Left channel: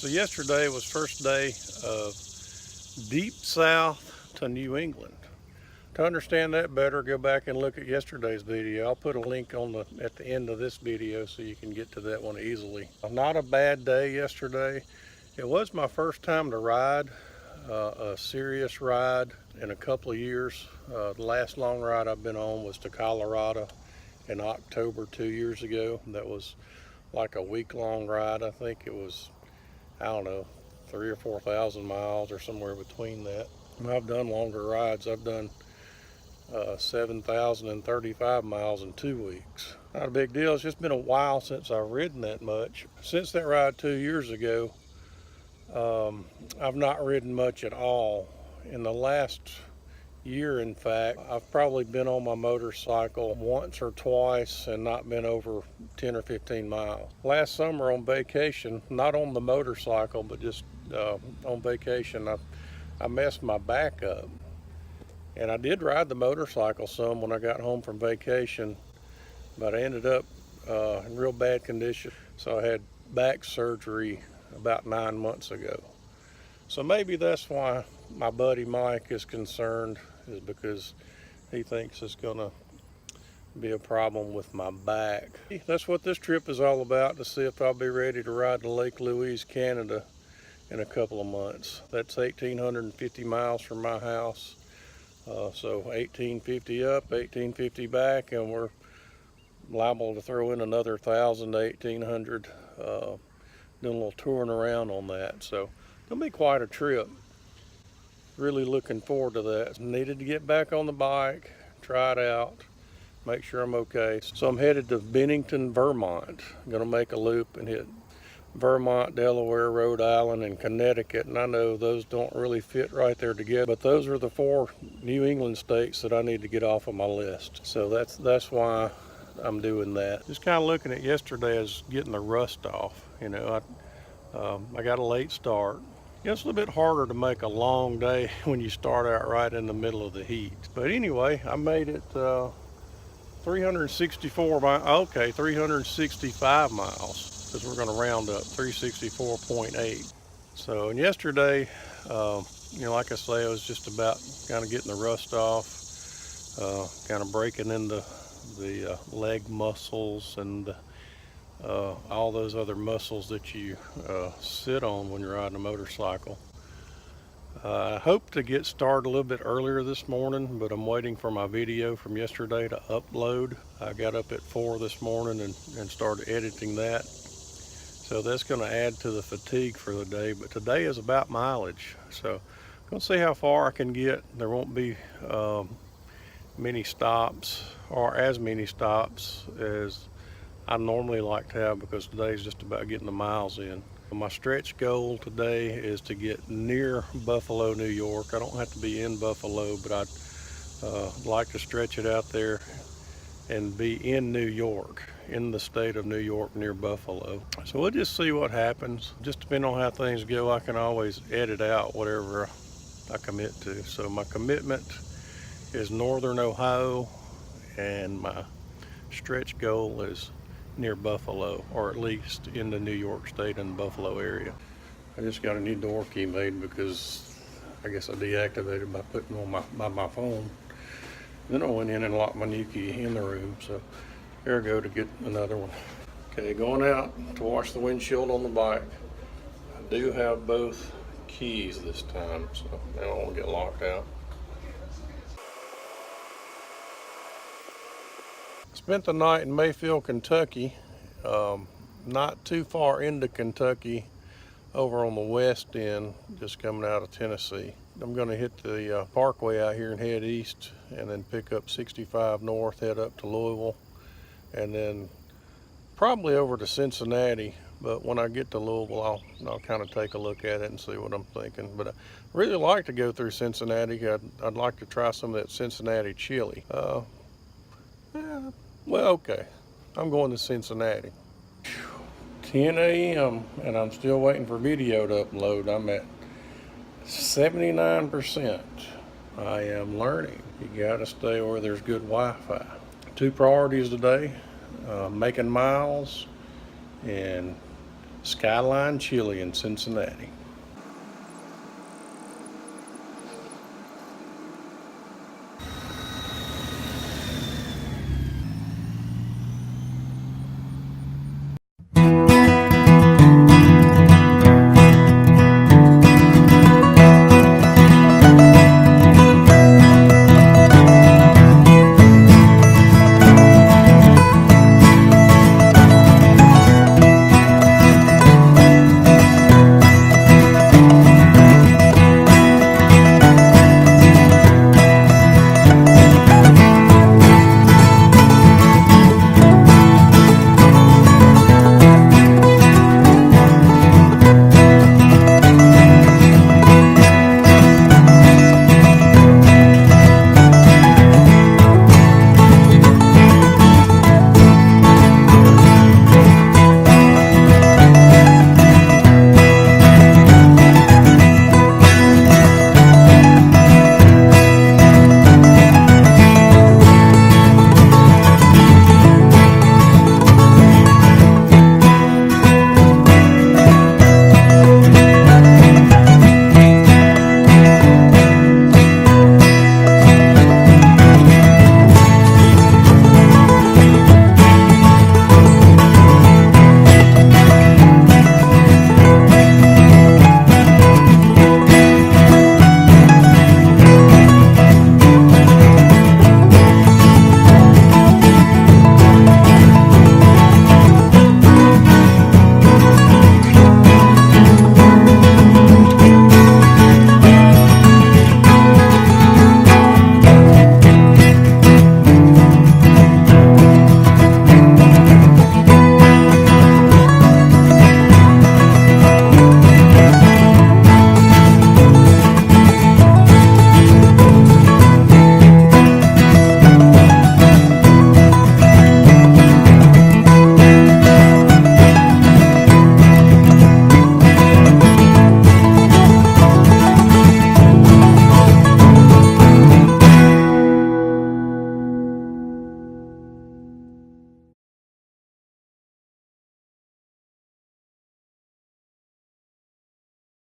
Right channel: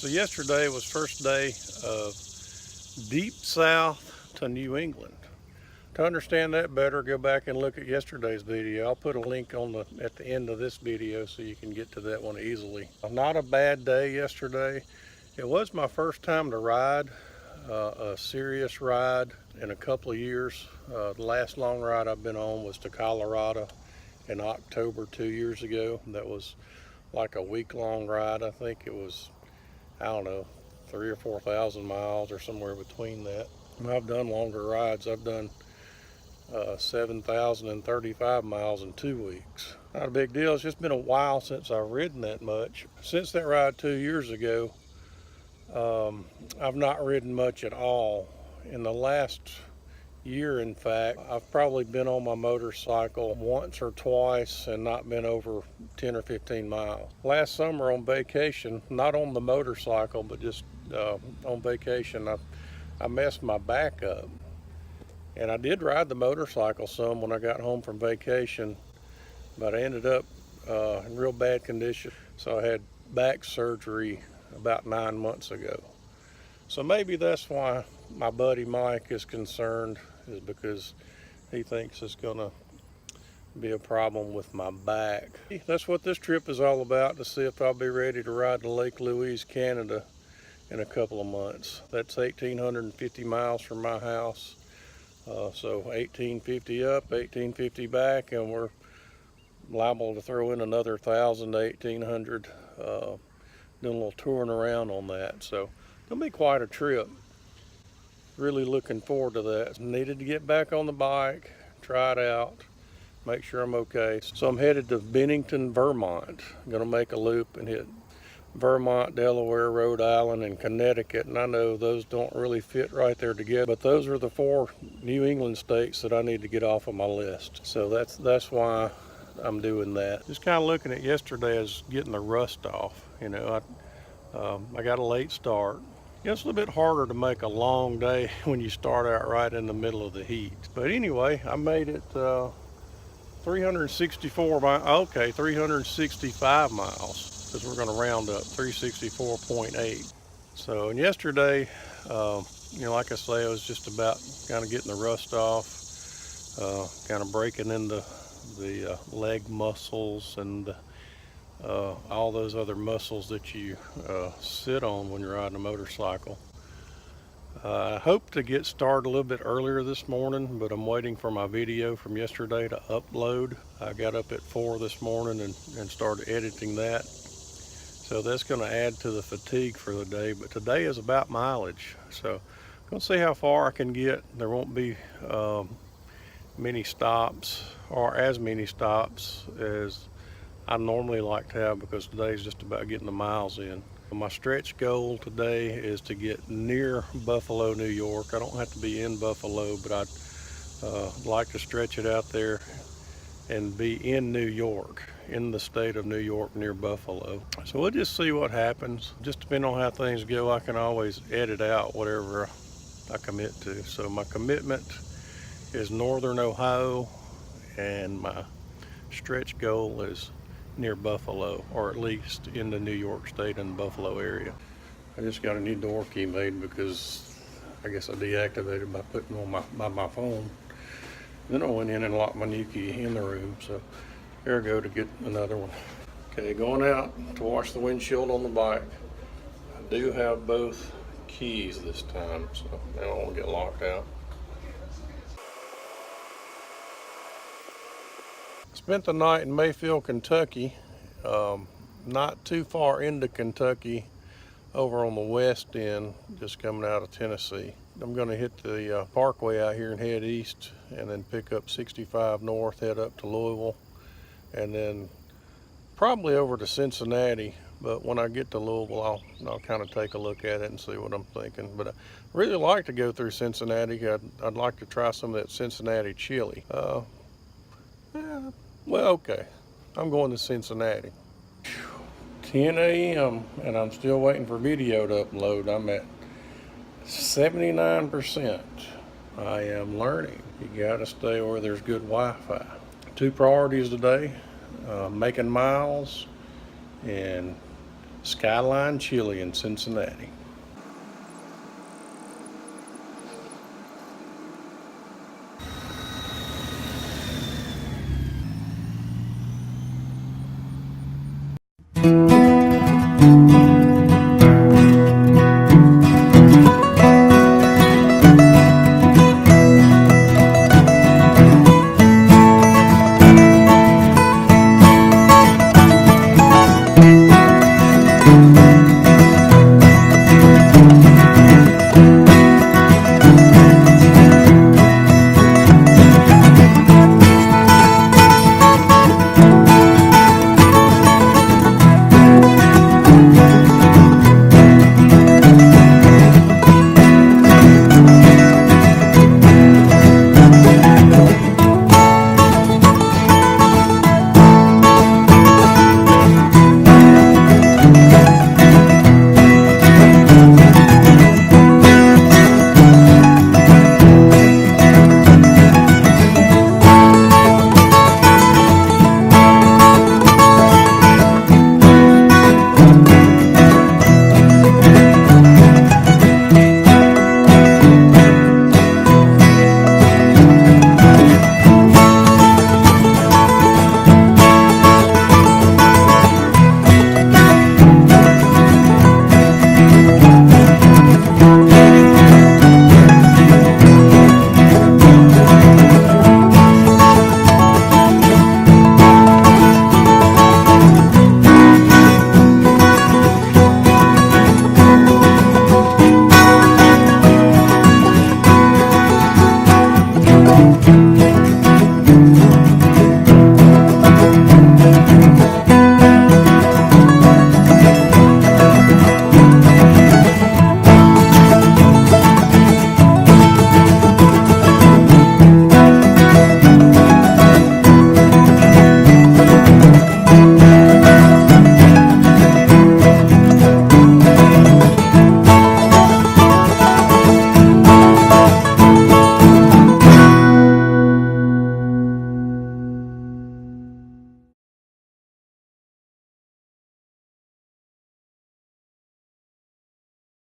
So yesterday was first day of Deep South to New England. To understand that better, go back and look at yesterday's video. I'll put a link at the end of this video so you can get to that one easily. Not a bad day yesterday. It was my first time to ride, a serious ride in a couple of years. The last long ride I've been on was to Colorado in October 2 years ago. That was like a week-long ride. I think it was, I don't know, 3,000 or 4,000 miles or somewhere between that. And I've done longer rides. I've done 7,035 miles in 2 weeks. Not a big deal. It's just been a while since I've ridden that much. Since that ride 2 years ago, I've not ridden much at all. In the last year, in fact, I've probably been on my motorcycle once or twice and not been over 10 or 15 miles. Last summer on vacation, not on the motorcycle, but just on vacation, I messed my back up. And I did ride the motorcycle some when I got home from vacation, but I ended up in real bad condition. So I had back surgery about 9 months ago. So maybe that's why my buddy Mike is concerned, is because he thinks it's gonna be a problem with my back. That's what this trip is all about, to see if I'll be ready to ride to Lake Louise, Canada in a couple of months. That's 1,850 miles from my house. So 1,850 up, 1,850 back, and we're liable to throw in another 1,000 to 1,800 doing a little touring around on that. So it'll be quite a trip. Really looking forward to that. Needed to get back on the bike, try it out, make sure I'm okay. So I'm headed to Bennington, Vermont. I'm gonna make a loop and hit Vermont, Delaware, Rhode Island, and Connecticut. And I know those don't really fit right there together, but those are the 4 New England states that I need to get off of my list. So that's why I'm doing that. Just kind of looking at yesterday as getting the rust off. You know, I got a late start. It's a little bit harder to make a long day when you start out right in the middle of the heat. But anyway, I made it 365 miles, because we're going to round up 364.8. So, and yesterday, like I say, I was just about kind of getting the rust off, kind of breaking into the leg muscles and all those other muscles that you sit on when you're riding a motorcycle. I hope to get started a little bit earlier this morning, but I'm waiting for my video from yesterday to upload. I got up at 4 this morning and started editing that. So that's going to add to the fatigue for the day, but today is about mileage. So I'm going to see how far I can get. There won't be many stops, or as many stops as I normally like to have, because today is just about getting the miles in. My stretch goal today is to get near Buffalo, New York. I don't have to be in Buffalo, but I'd like to stretch it out there and be in New York, in the state of New York near Buffalo. So we'll just see what happens. Just depending on how things go, I can always edit out whatever I commit to. So my commitment is Northern Ohio, and my stretch goal is near Buffalo, or at least in the New York State and Buffalo area. I just got a new door key made because I guess I deactivated by putting on my phone. Then I went in and locked my new key in the room, so here I go to get another one. Okay, going out to wash the windshield on the bike. I do have both keys this time, so they won't get locked out. Spent the night in Mayfield, Kentucky, not too far into Kentucky, over on the west end, just coming out of Tennessee. I'm going to hit the parkway out here and head east, and then pick up 65 north, head up to Louisville, and then probably over to Cincinnati. But when I get to Louisville, I'll kind of take a look at it and see what I'm thinking. But I really like to go through Cincinnati. I'd like to try some of that Cincinnati chili. Yeah, well, okay, I'm going to Cincinnati. 10 a.m. and I'm still waiting for video to upload. I'm at 79%. I am learning. You gotta stay where there's good Wi-Fi. 2 priorities today, making miles and Skyline Chili in Cincinnati.